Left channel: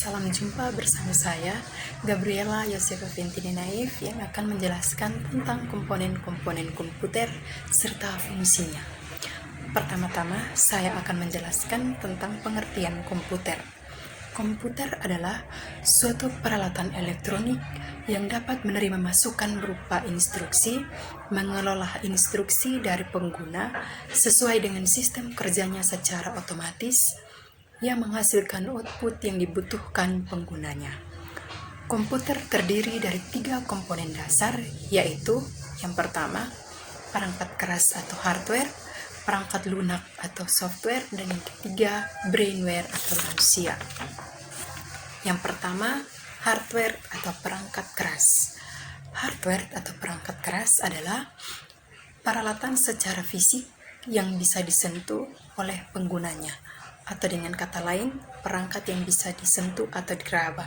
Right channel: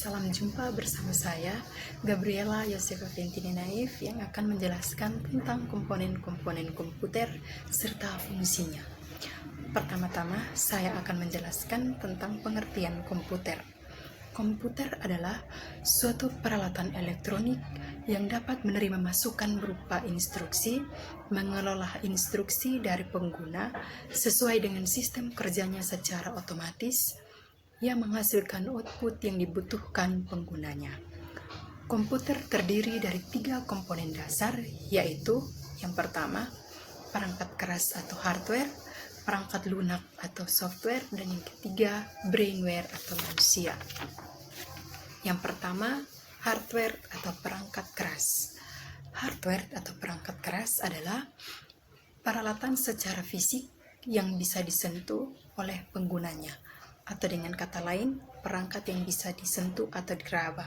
Salam jumpa bersama saya, Gabriela Yosefa Ventini Naif, yang akan menjelaskan tentang komponen-komponen komputer serta fungsinya. Pertama-tama, saya akan menjelaskan tentang pengertian komputer. Komputer adalah suatu peralatan elektronik yang dapat menerima masukan berupa instruksi, mengelola instruksi dari pengguna sesuai dengan sistem kerjanya secara otomatis, yang menghasilkan output yang dibutuhkan penggunanya. Komputer terdiri dari 3 komponen dasar, yaitu yang pertama, perangkat keras atau hardware, perangkat lunak atau software, dan yang ketiga, brainware atau manusia. Yang pertama, hardware atau perangkat keras. Hardware atau perangkat keras adalah peralatan secara fisik yang bisa disentuh oleh penggunanya, atau dengan kata lain, perangkat yang bisa disentuh atau diraba.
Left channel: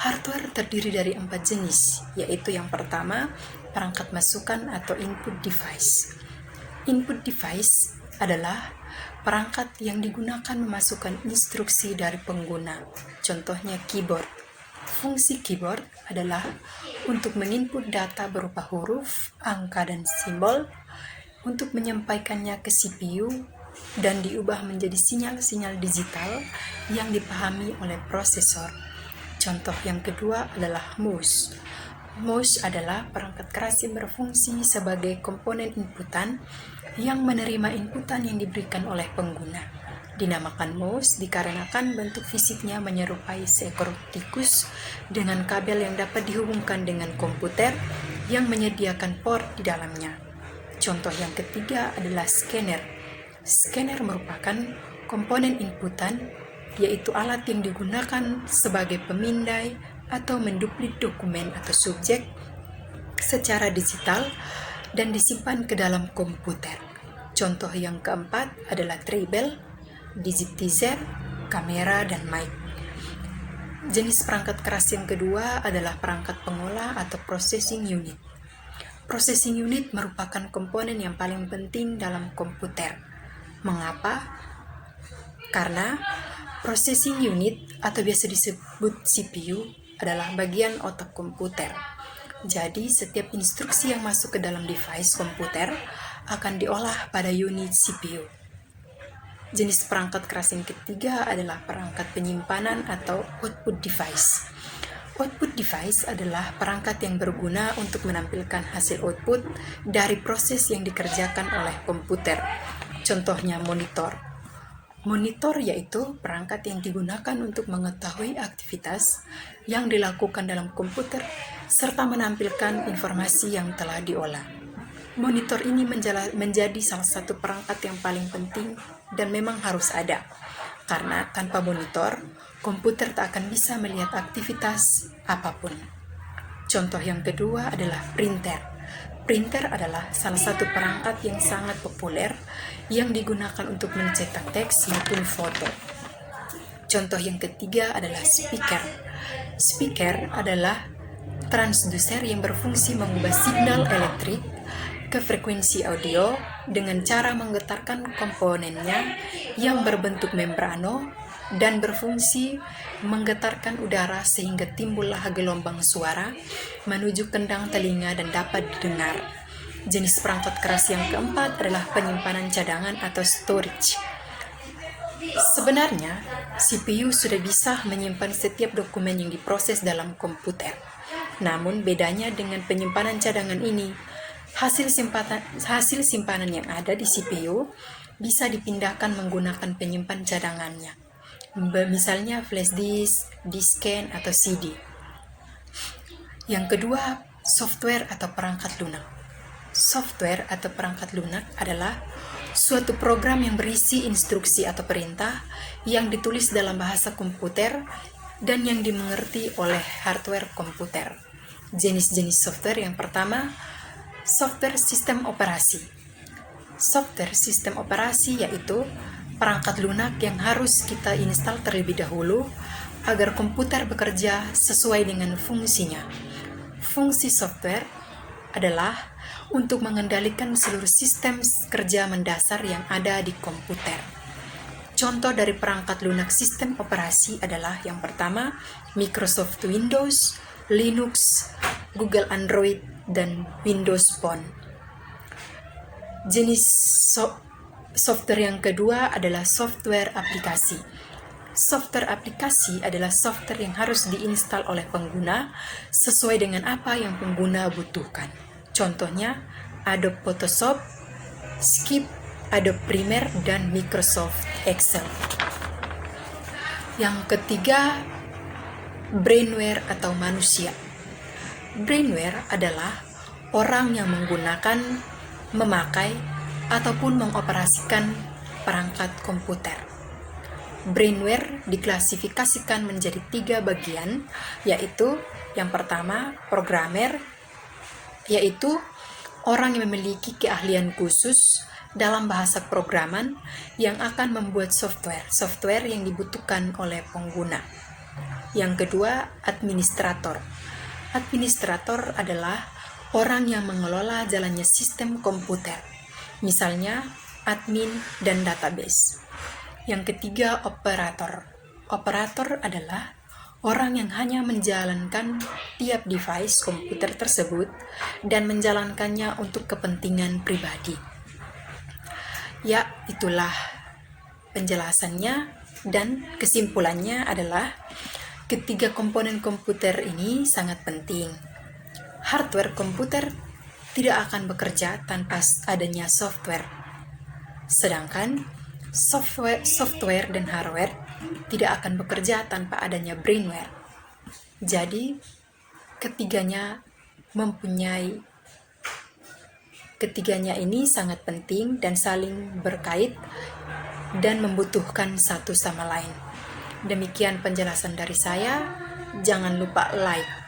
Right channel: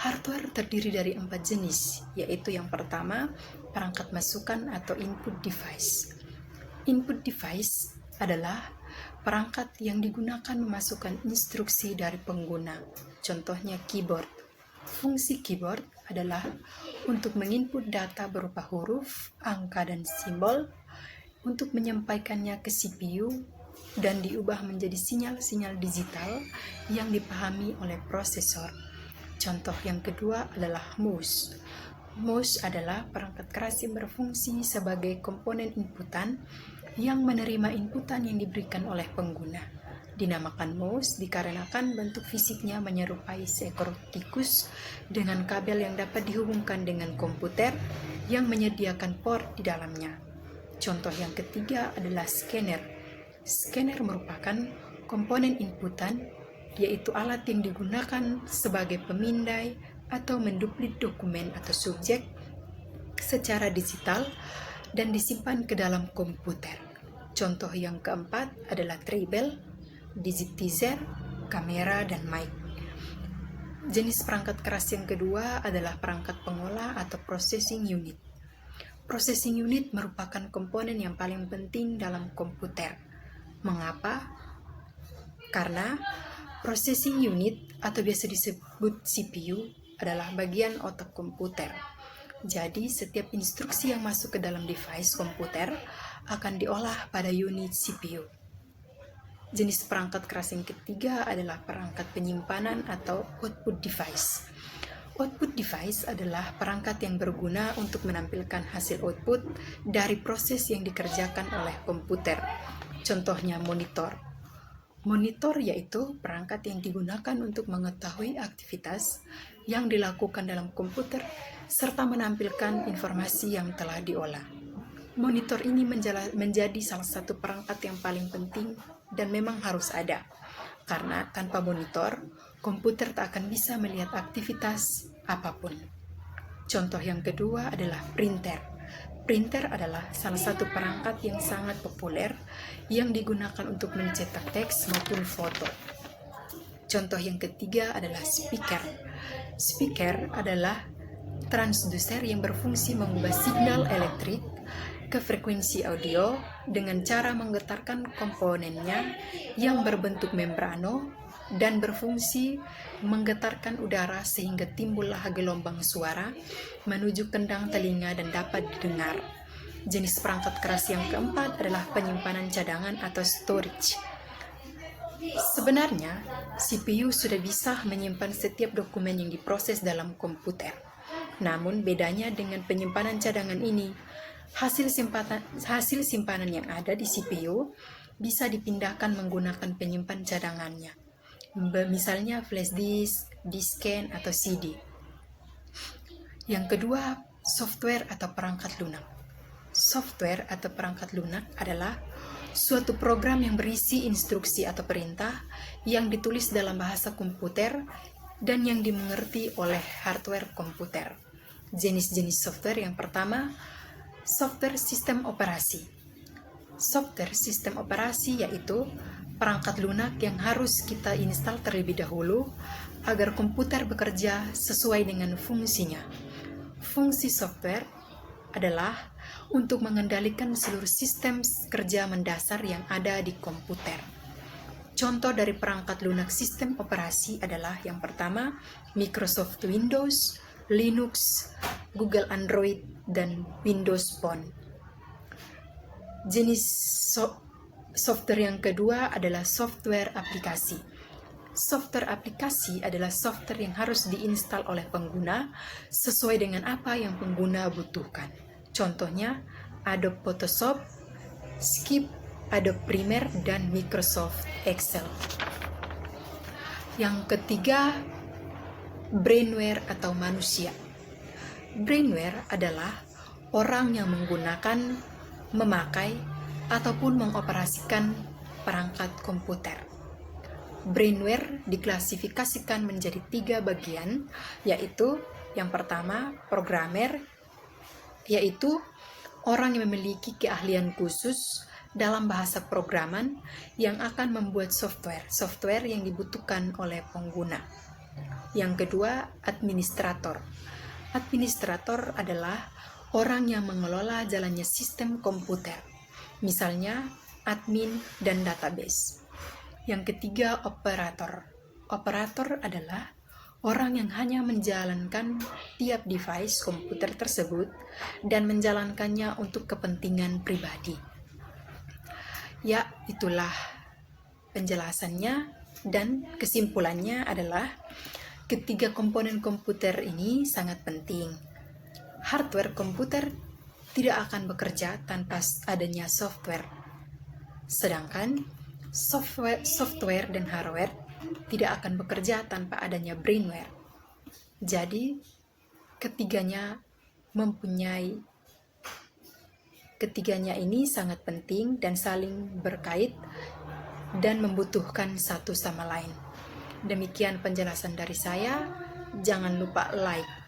Hardware terdiri dari 4 jenis, yaitu yang pertama, perangkat masukan atau input device. Input device adalah perangkat yang digunakan memasukkan instruksi dari pengguna, contohnya keyboard. Fungsi keyboard adalah untuk menginput data berupa huruf, angka, dan simbol, untuk menyampaikannya ke CPU, dan diubah menjadi sinyal-sinyal digital yang dipahami oleh prosesor. Contoh yang kedua adalah mouse. Mouse adalah perangkat keras yang berfungsi sebagai komponen inputan yang menerima inputan yang diberikan oleh pengguna. Dinamakan mouse dikarenakan bentuk fisiknya menyerupai seekor tikus dengan kabel yang dapat dihubungkan dengan komputer yang menyediakan port di dalamnya. Contoh yang ketiga adalah scanner. Scanner merupakan komponen inputan, yaitu alat yang digunakan sebagai pemindai atau menduplik dokumen atau subjek secara digital dan disimpan ke dalam komputer. Contoh yang keempat adalah treadmill, digitizer, kamera, dan mic. Jenis perangkat keras yang kedua adalah perangkat pengolah atau processing unit. Processing unit merupakan komponen yang paling penting dalam komputer. Mengapa? Karena processing unit atau biasa disebut CPU adalah bagian otak komputer. Jadi setiap instruksi yang masuk ke dalam device komputer akan diolah pada unit CPU. Jenis perangkat keras yang ketiga adalah perangkat penyimpanan atau output device. Output device adalah perangkat yang berguna untuk menampilkan hasil output dari proses yang dikerjakan oleh komputer. Contohnya monitor. Monitor yaitu perangkat yang digunakan untuk mengetahui aktivitas yang dilakukan dalam komputer serta menampilkan informasi yang telah diolah. Monitor ini menjadi salah satu perangkat yang paling penting dan memang harus ada, karena tanpa monitor, komputer tak akan bisa melihat aktivitas apapun. Contoh yang kedua adalah printer. Printer adalah salah satu perangkat yang sangat populer yang digunakan untuk mencetak teks maupun foto. Contoh yang ketiga adalah speaker. Speaker adalah transducer yang berfungsi mengubah signal elektrik ke frekuensi audio dengan cara menggetarkan komponennya yang berbentuk membrano dan berfungsi menggetarkan udara sehingga timbullah gelombang suara menuju kendang telinga dan dapat didengar. Jenis perangkat keras yang keempat adalah penyimpanan cadangan atau storage. Sebenarnya, CPU sudah bisa menyimpan setiap dokumen yang diproses dalam komputer. Namun bedanya dengan penyimpanan cadangan ini, hasil simpanan yang ada di CPU bisa dipindahkan menggunakan penyimpan cadangannya. Misalnya flash disk, disken, atau CD. Yang kedua, software atau perangkat lunak. Software atau perangkat lunak adalah suatu program yang berisi instruksi atau perintah yang ditulis dalam bahasa komputer dan yang dimengerti oleh hardware komputer. Jenis-jenis software yang pertama, software sistem operasi. Software sistem operasi yaitu perangkat lunak yang harus kita install terlebih dahulu agar komputer bekerja sesuai dengan fungsinya. Fungsi software adalah untuk mengendalikan seluruh sistem kerja mendasar yang ada di komputer. Contoh dari perangkat lunak sistem operasi adalah yang pertama Microsoft Windows, Linux, Google Android, dan Windows Phone. Jenis software yang kedua adalah software aplikasi. Software aplikasi adalah software yang harus diinstal oleh pengguna sesuai dengan apa yang pengguna butuhkan. Contohnya Adobe Photoshop, Skip, Adobe Premiere, dan Microsoft Excel. Yang ketiga, brainware atau manusia. Brainware adalah orang yang menggunakan, memakai, ataupun mengoperasikan perangkat komputer. Brainware diklasifikasikan menjadi 3 bagian, yaitu yang pertama, programmer, yaitu orang yang memiliki keahlian khusus dalam bahasa programan yang akan membuat software yang dibutuhkan oleh pengguna. Yang kedua, administrator. Administrator adalah orang yang mengelola jalannya sistem komputer, misalnya admin dan database. Yang ketiga, operator. Operator adalah orang yang hanya menjalankan tiap device komputer tersebut dan menjalankannya untuk kepentingan pribadi. Ya, itulah penjelasannya, dan kesimpulannya adalah ketiga komponen komputer ini sangat penting. Hardware komputer tidak akan bekerja tanpa adanya software, sedangkan software dan hardware tidak akan bekerja tanpa adanya brainware. Jadi, ketiganya ini sangat penting dan saling berkait dan membutuhkan satu sama lain. Demikian penjelasan dari saya. Jangan lupa like,